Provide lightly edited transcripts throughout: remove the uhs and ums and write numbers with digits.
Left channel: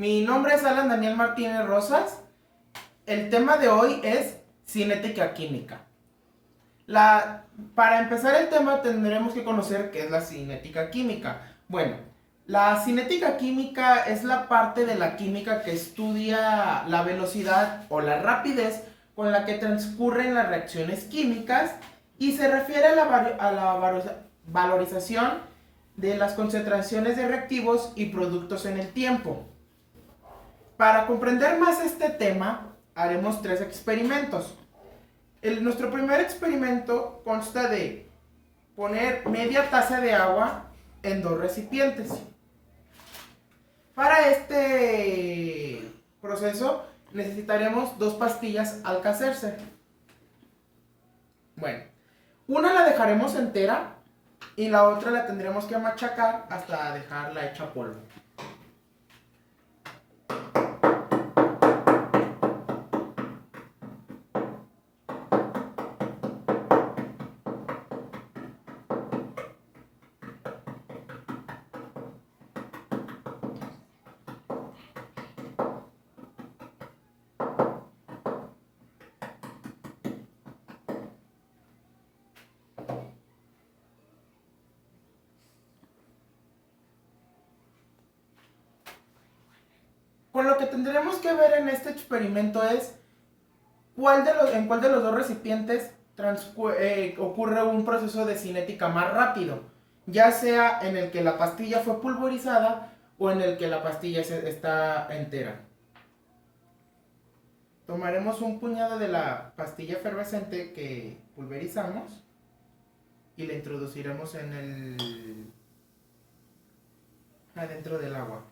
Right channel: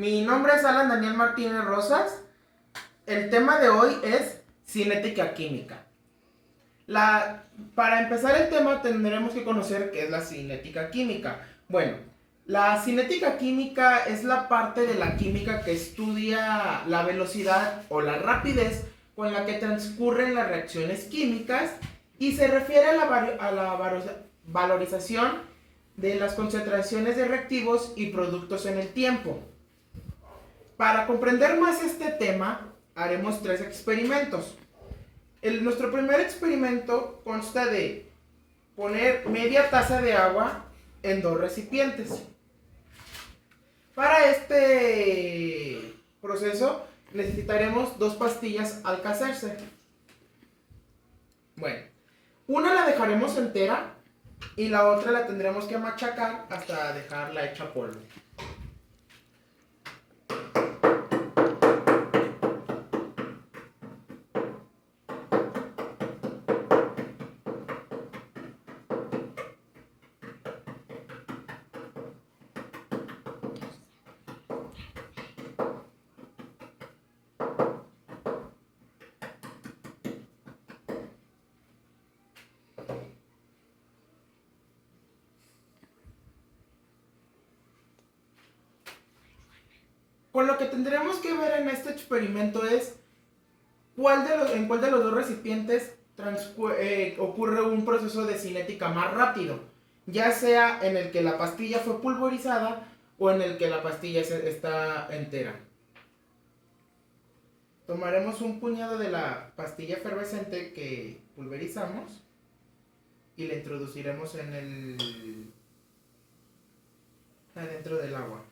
Mi nombre es Alan Daniel Martínez Rosas. El tema de hoy es cinética química. Para empezar el tema tendremos que conocer qué es la cinética química. Bueno, la cinética química es la parte de la química que estudia la velocidad o la rapidez con la que transcurren las reacciones químicas y se refiere a la valorización de las concentraciones de reactivos y productos en el tiempo. Para comprender más este tema, haremos 3 experimentos. Nuestro primer experimento consta de poner media taza de agua en 2 recipientes. Para este proceso necesitaremos 2 pastillas Alka-Seltzer. Bueno, una la dejaremos entera y la otra la tendremos que machacar hasta dejarla hecha polvo. Con lo que tendremos que ver en este experimento es en cuál de los 2 recipientes ocurre un proceso de cinética más rápido, ya sea en el que la pastilla fue pulverizada o en el que la pastilla está entera. Tomaremos un puñado de la pastilla efervescente que pulverizamos y la introduciremos adentro del agua.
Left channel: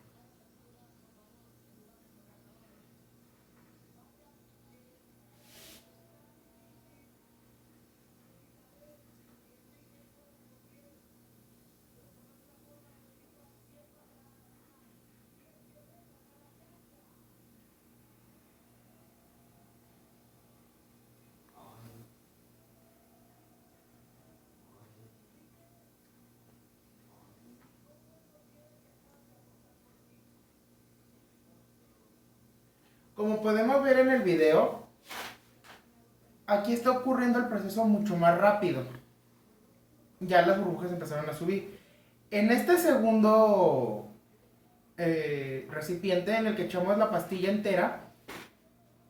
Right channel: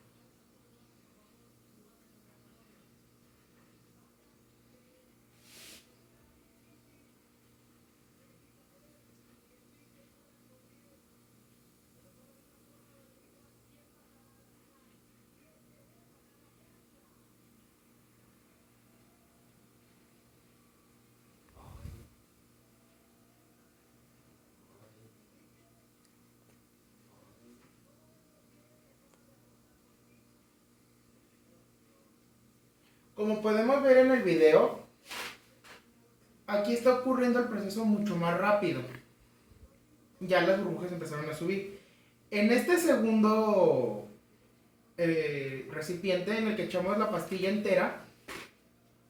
Como podemos ver en el video, aquí está ocurriendo el proceso mucho más rápido. Ya las burbujas empezaron a subir. En este segundo recipiente en el que echamos la pastilla entera,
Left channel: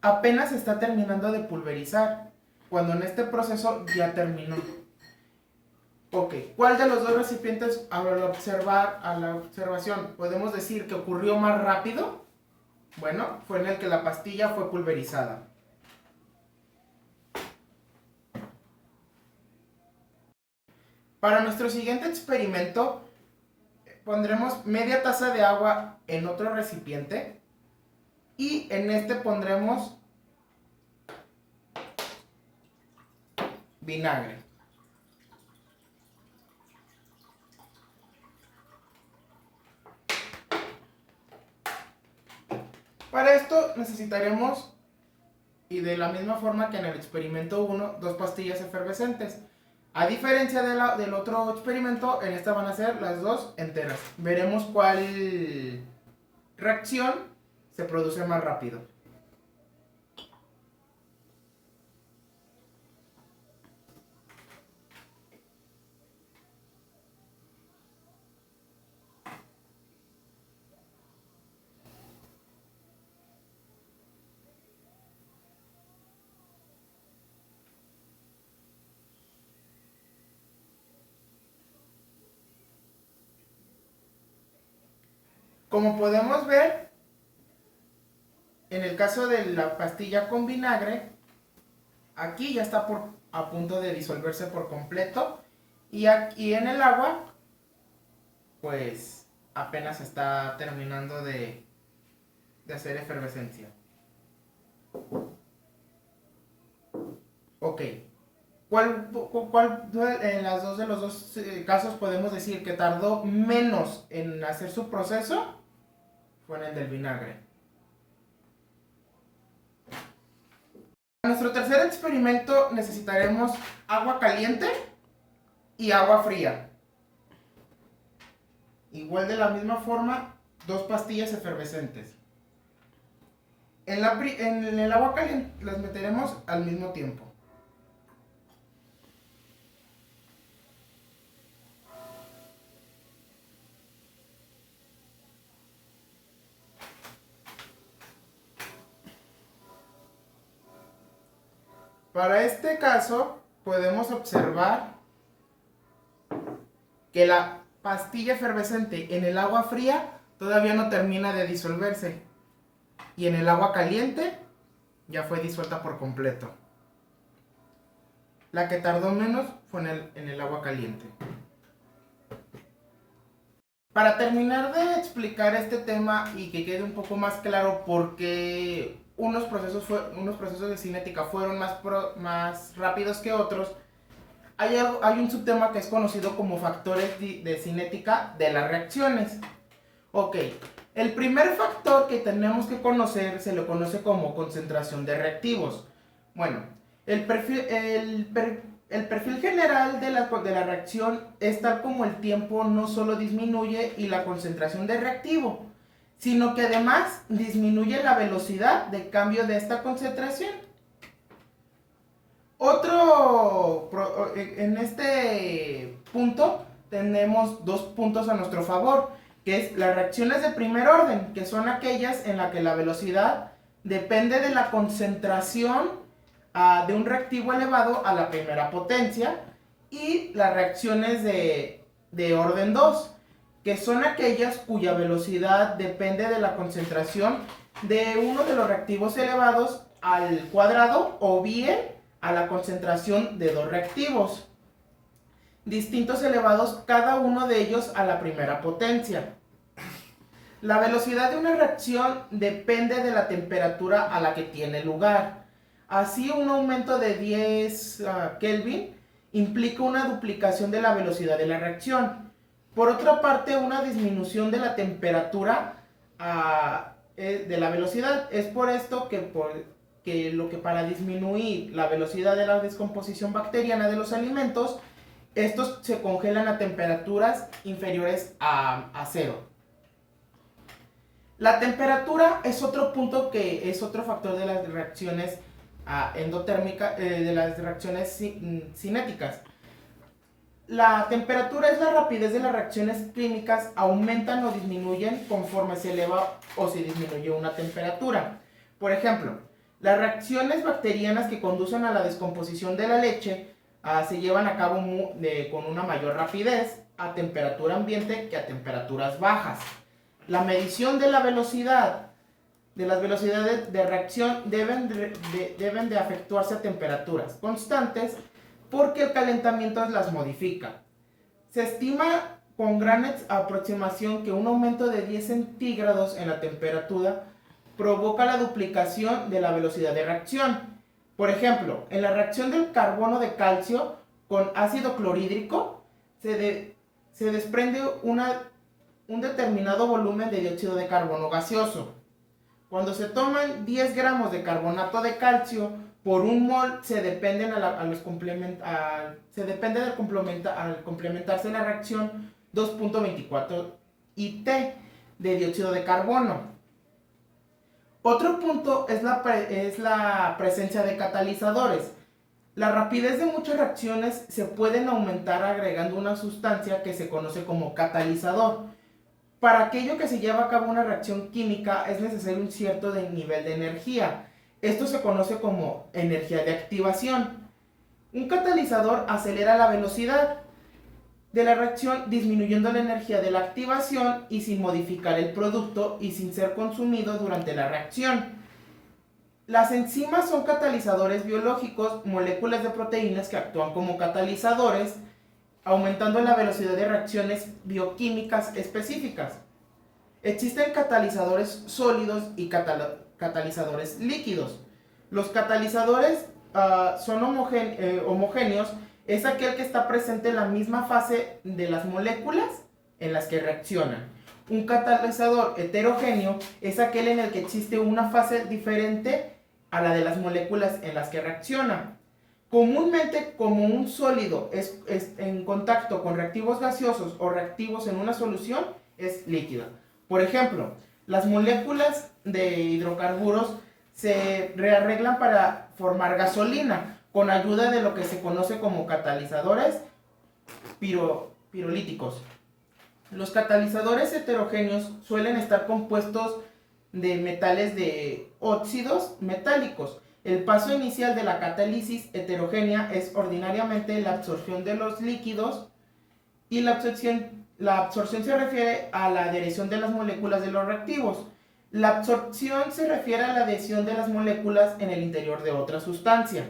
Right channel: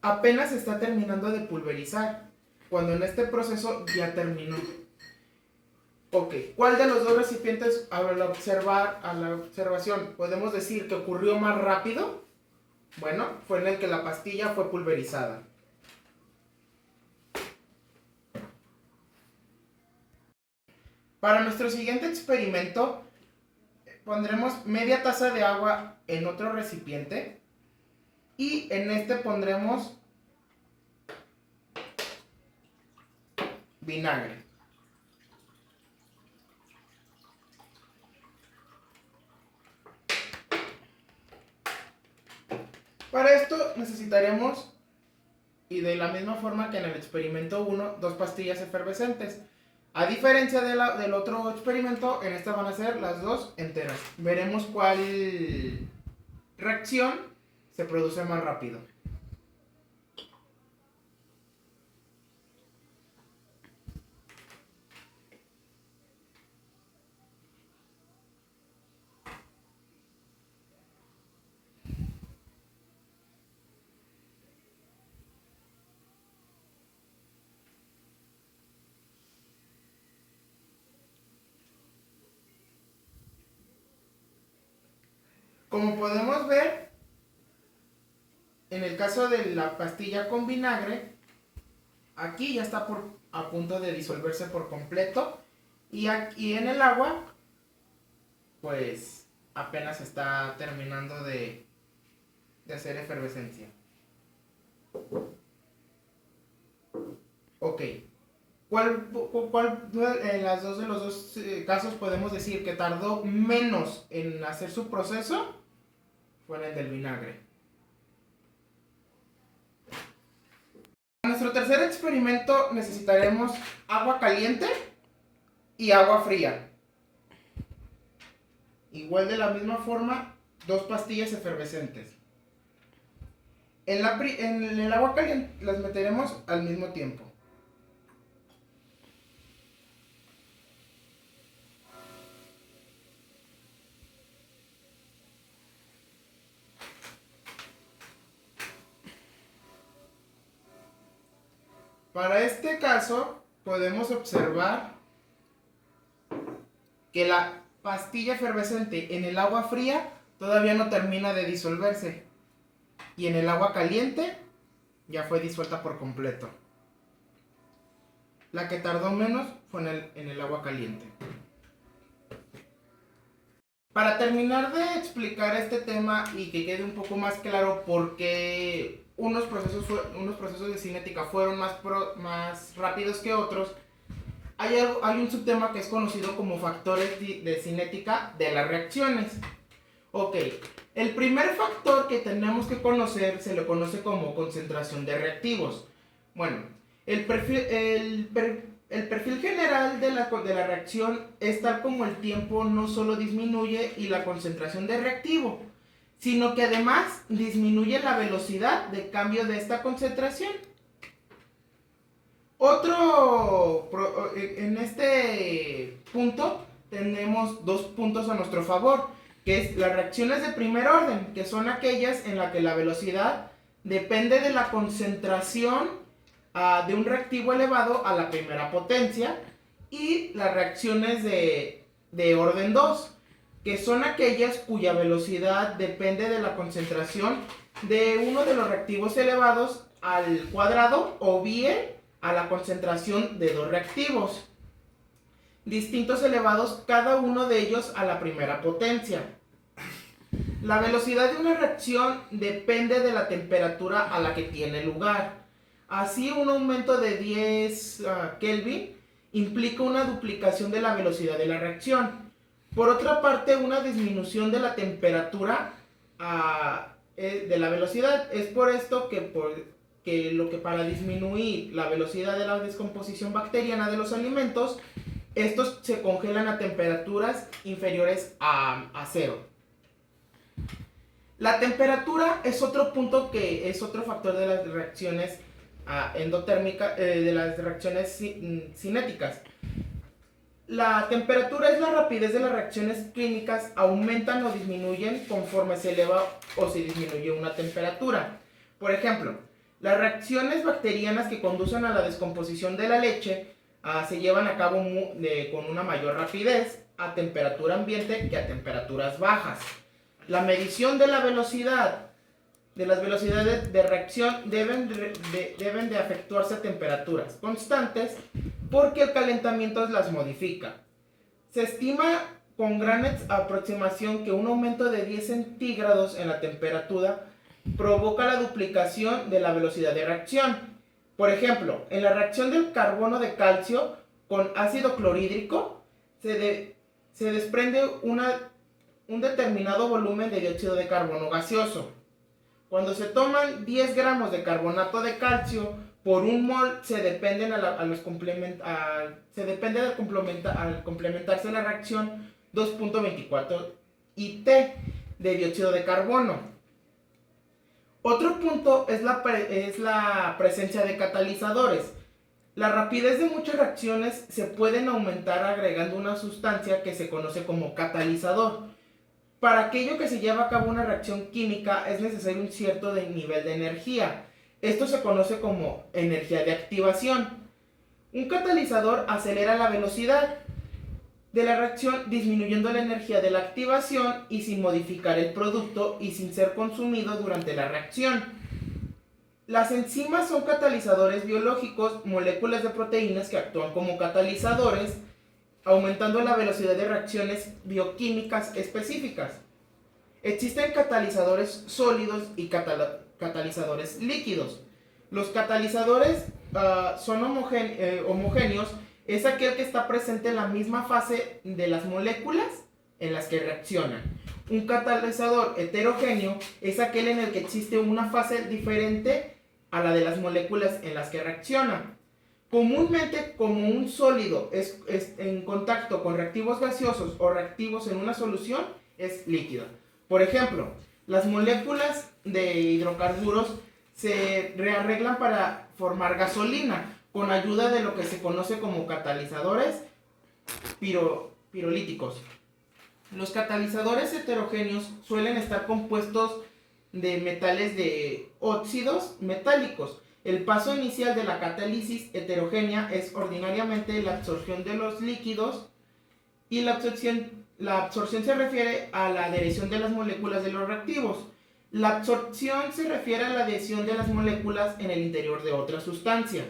apenas se está terminando de pulverizar, cuando en este proceso ya terminó. Ok, ¿cuál de los 2 recipientes a la observación podemos decir que ocurrió más rápido? Bueno, fue en el que la pastilla fue pulverizada. Para nuestro siguiente experimento, pondremos media taza de agua en otro recipiente y en este pondremos vinagre. Para esto necesitaremos, y de la misma forma que en el experimento 1, 2 pastillas efervescentes. A diferencia del otro experimento, en esta van a ser las 2 enteras. Veremos cuál reacción se produce más rápido. Como podemos ver, en el caso de la pastilla con vinagre, aquí ya está a punto de disolverse por completo. Y aquí en el agua, pues apenas está terminando de hacer efervescencia. Ok. ¿Cuál en los dos casos podemos decir que tardó menos en hacer su proceso? Fue en el del vinagre. Para nuestro tercer experimento necesitaremos agua caliente y agua fría. Igual de la misma forma, 2 pastillas efervescentes. En el agua caliente las meteremos al mismo tiempo. Para este caso, podemos observar que la pastilla efervescente en el agua fría todavía no termina de disolverse. Y en el agua caliente ya fue disuelta por completo. La que tardó menos fue en el agua caliente. Para terminar de explicar este tema y que quede un poco más claro por qué unos procesos de cinética fueron más rápidos que otros, hay un subtema que es conocido como factores de cinética de las reacciones. Ok, el primer factor que tenemos que conocer se lo conoce como concentración de reactivos. Bueno, el perfil general de la reacción es tal como el tiempo no solo disminuye y la concentración de reactivo, sino que además disminuye la velocidad de cambio de esta concentración. En este punto tenemos dos puntos a nuestro favor, que es las reacciones de primer orden, que son aquellas en las que la velocidad depende de la concentración de un reactivo elevado a la primera potencia, y las reacciones de orden 2, que son aquellas cuya velocidad depende de la concentración de uno de los reactivos elevados al cuadrado o bien a la concentración de dos reactivos distintos elevados, cada uno de ellos a la primera potencia. La velocidad de una reacción depende de la temperatura a la que tiene lugar. Así, un aumento de 10 Kelvin implica una duplicación de la velocidad de la reacción. Por otra parte, una disminución de la temperatura de la velocidad. Es por esto que para disminuir la velocidad de la descomposición bacteriana de los alimentos, estos se congelan a temperaturas inferiores a 0. La temperatura es otro punto que es otro factor de las reacciones endotérmicas, de las reacciones cinéticas. La temperatura es la rapidez de las reacciones químicas, aumentan o disminuyen conforme se eleva o se disminuye una temperatura. Por ejemplo, las reacciones bacterianas que conducen a la descomposición de la leche se llevan a cabo con una mayor rapidez a temperatura ambiente que a temperaturas bajas. La medición de la velocidad, de las velocidades de reacción deben de efectuarse a temperaturas constantes porque el calentamiento las modifica. Se estima con gran aproximación que un aumento de 10 centígrados en la temperatura provoca la duplicación de la velocidad de reacción. Por ejemplo, en la reacción del carbono de calcio con ácido clorhídrico se desprende un determinado volumen de dióxido de carbono gaseoso. Cuando se toman 10 gramos de carbonato de calcio por un mol, se depende al complementarse la reacción 2.24 IT de dióxido de carbono. Otro punto es la presencia de catalizadores. La rapidez de muchas reacciones se pueden aumentar agregando una sustancia que se conoce como catalizador. Para aquello que se lleva a cabo una reacción química es necesario un cierto nivel de energía. Esto se conoce como energía de activación. Un catalizador acelera la velocidad de la reacción disminuyendo la energía de la activación y sin modificar el producto y sin ser consumido durante la reacción. Las enzimas son catalizadores biológicos, moléculas de proteínas que actúan como catalizadores, aumentando la velocidad de reacciones bioquímicas específicas. Existen catalizadores sólidos y catalizadores líquidos. Los catalizadores son homogéneos, es aquel que está presente en la misma fase de las moléculas en las que reaccionan. Un catalizador heterogéneo es aquel en el que existe una fase diferente a la de las moléculas en las que reaccionan. Comúnmente, como un sólido es en contacto con reactivos gaseosos o reactivos en una solución, es líquido. Por ejemplo, las moléculas de hidrocarburos se rearreglan para formar gasolina con ayuda de lo que se conoce como catalizadores pirolíticos. Los catalizadores heterogéneos suelen estar compuestos de metales de óxidos metálicos. El paso inicial de la catálisis heterogénea es ordinariamente la absorción de los líquidos y la absorción se refiere a la adhesión de las moléculas de los reactivos. La absorción se refiere a la adhesión de las moléculas en el interior de otra sustancia.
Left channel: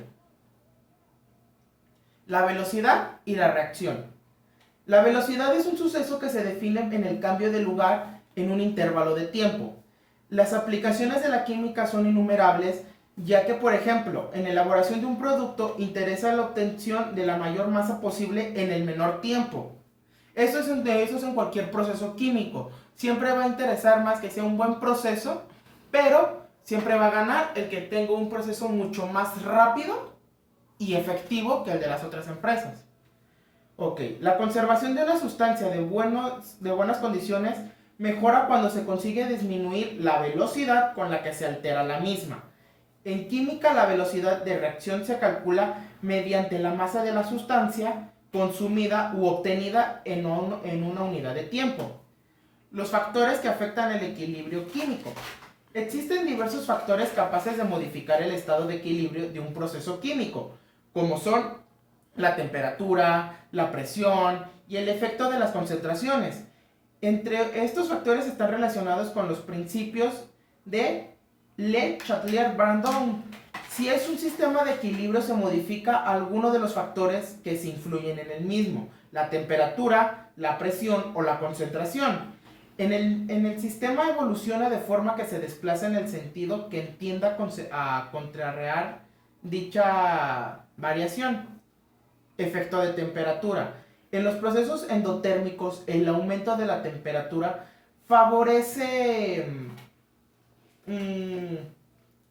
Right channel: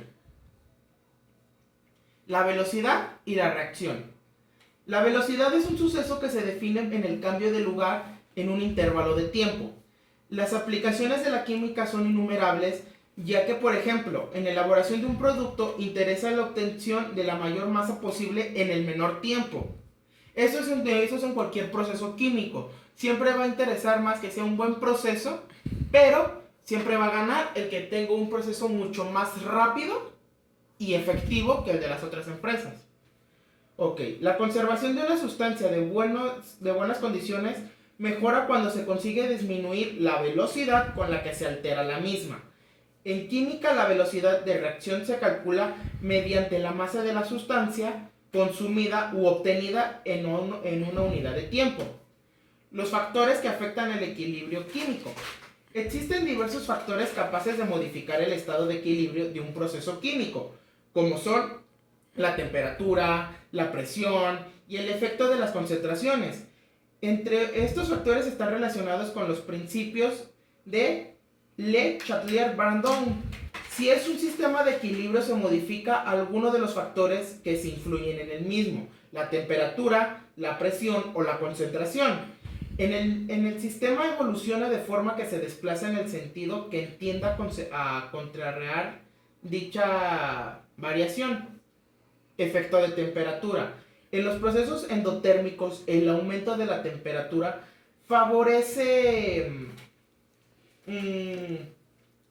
La velocidad y la reacción. La velocidad es un suceso que se define en el cambio de lugar en un intervalo de tiempo. Las aplicaciones de la química son innumerables, ya que, por ejemplo, en la elaboración de un producto interesa la obtención de la mayor masa posible en el menor tiempo. Eso es en cualquier proceso químico. Siempre va a interesar más que sea un buen proceso, pero siempre va a ganar el que tenga un proceso mucho más rápido y efectivo que el de las otras empresas. Ok, la conservación de una sustancia de buenas condiciones mejora cuando se consigue disminuir la velocidad con la que se altera la misma. En química, la velocidad de reacción se calcula mediante la masa de la sustancia consumida u obtenida en una unidad de tiempo. Los factores que afectan el equilibrio químico. Existen diversos factores capaces de modificar el estado de equilibrio de un proceso químico, como son la temperatura, la presión y el efecto de las concentraciones. Entre estos factores están relacionados con los principios de Le Chatelier-Brandon. Si es un sistema de equilibrio, se modifica alguno de los factores que se influyen en el mismo, la temperatura, la presión o la concentración. En el sistema evoluciona de forma que se desplaza en el sentido que tienda a contrarrear dicha variación. Efecto de temperatura. En los procesos endotérmicos, el aumento de la temperatura favorece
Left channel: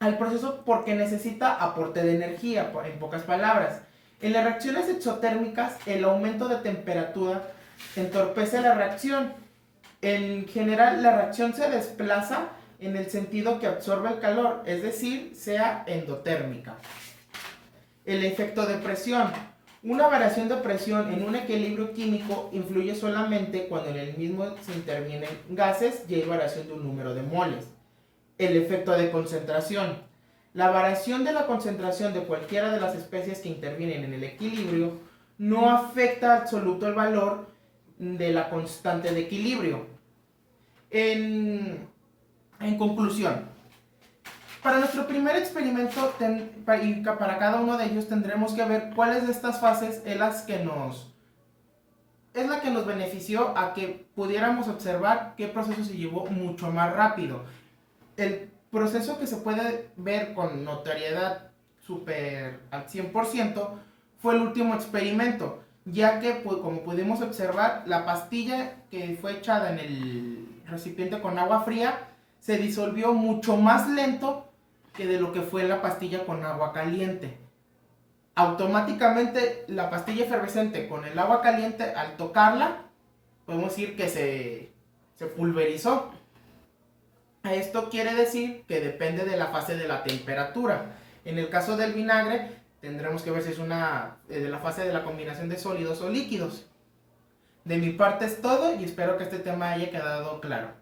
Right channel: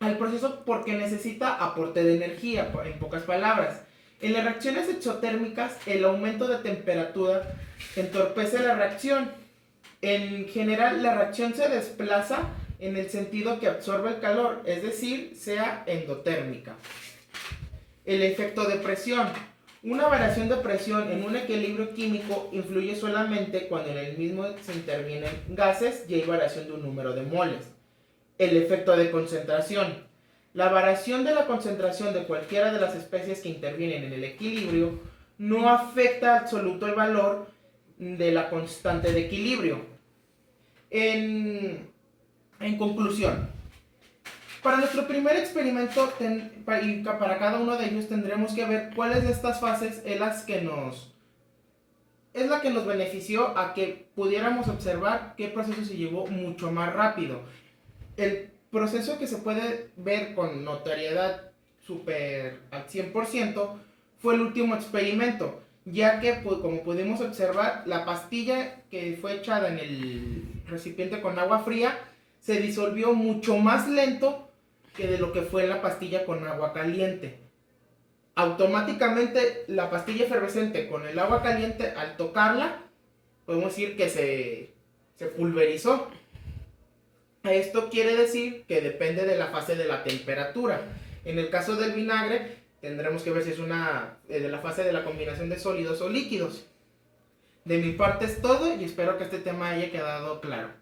al proceso porque necesita aporte de energía, en pocas palabras. En las reacciones exotérmicas, el aumento de temperatura entorpece la reacción. En general, la reacción se desplaza en el sentido que absorbe el calor, es decir, sea endotérmica. El efecto de presión. Una variación de presión en un equilibrio químico influye solamente cuando en el mismo se intervienen gases y hay variación de un número de moles. El efecto de concentración. La variación de la concentración de cualquiera de las especies que intervienen en el equilibrio no afecta absoluto el valor de la constante de equilibrio. En conclusión, para nuestro primer experimento y para cada uno de ellos tendremos que ver cuáles de estas fases es la que nos benefició a que pudiéramos observar qué proceso se llevó mucho más rápido. El proceso que se puede ver con notoriedad super al 100% fue el último experimento, ya que, como pudimos observar, la pastilla que fue echada en el recipiente con agua fría se disolvió mucho más lento que de lo que fue la pastilla con agua caliente. Automáticamente la pastilla efervescente con el agua caliente, al tocarla, podemos decir que se pulverizó. Esto quiere decir que depende de la fase de la temperatura. En el caso del vinagre, tendremos que ver si es de la fase de la combinación de sólidos o líquidos. De mi parte es todo y espero que este tema haya quedado claro.